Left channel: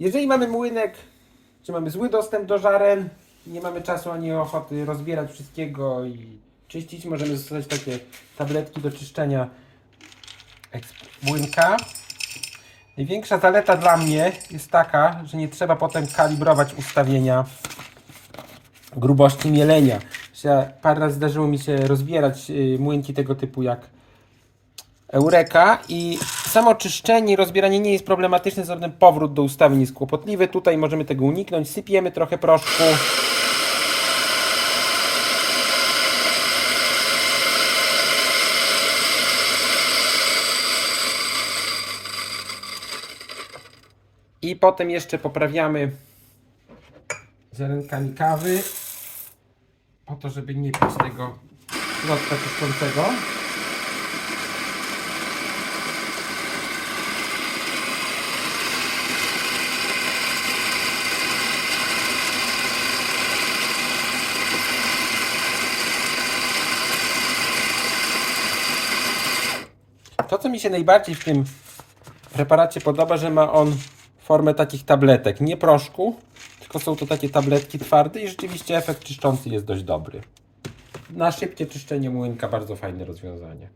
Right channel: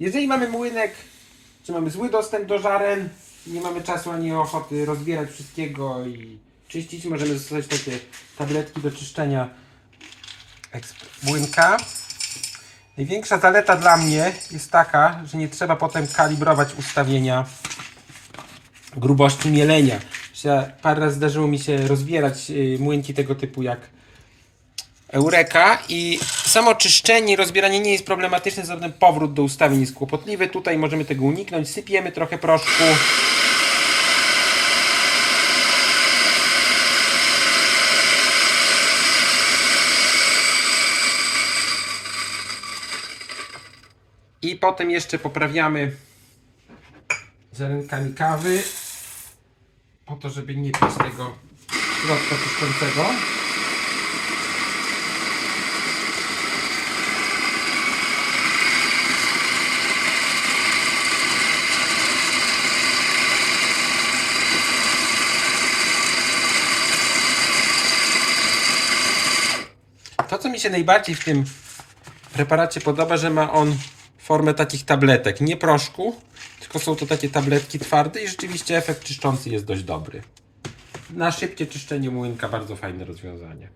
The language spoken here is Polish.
Jeżeli mamy młynek, czy mamy zły dostęp do żaren, nie mamy czasu ani ochoty rozbierać wszystkiego i czyścić, możemy zastosować takie tabletki do czyszczenia młynka. Największa zaleta dla mnie jest taka, że nie trzeba potem kalibrować ustawienia grubości mielenia. Parę razy zdarzyło mi się rozbierać y, młynki tego typu jak Eureka i samo czyszczenie i rozbieranie nie jest problematyczne, zatem powrót do ustawień jest kłopotliwy. Tutaj możemy tego uniknąć. Sypiemy trochę proszku. I potem jeszcze poprawiamy ziarenkami kawy po to, żeby nie pić tego środka czyszczącego. To, co mi się najbardziej w tym preparacie podoba, że ma on formę takich tabletek, nie proszku, tylko są to takie tabletki twarde i rzeczywiście efekt czyszczący jest dość dobry. Na szybkie czyszczenie młynka bardzo fajne rozwiązanie.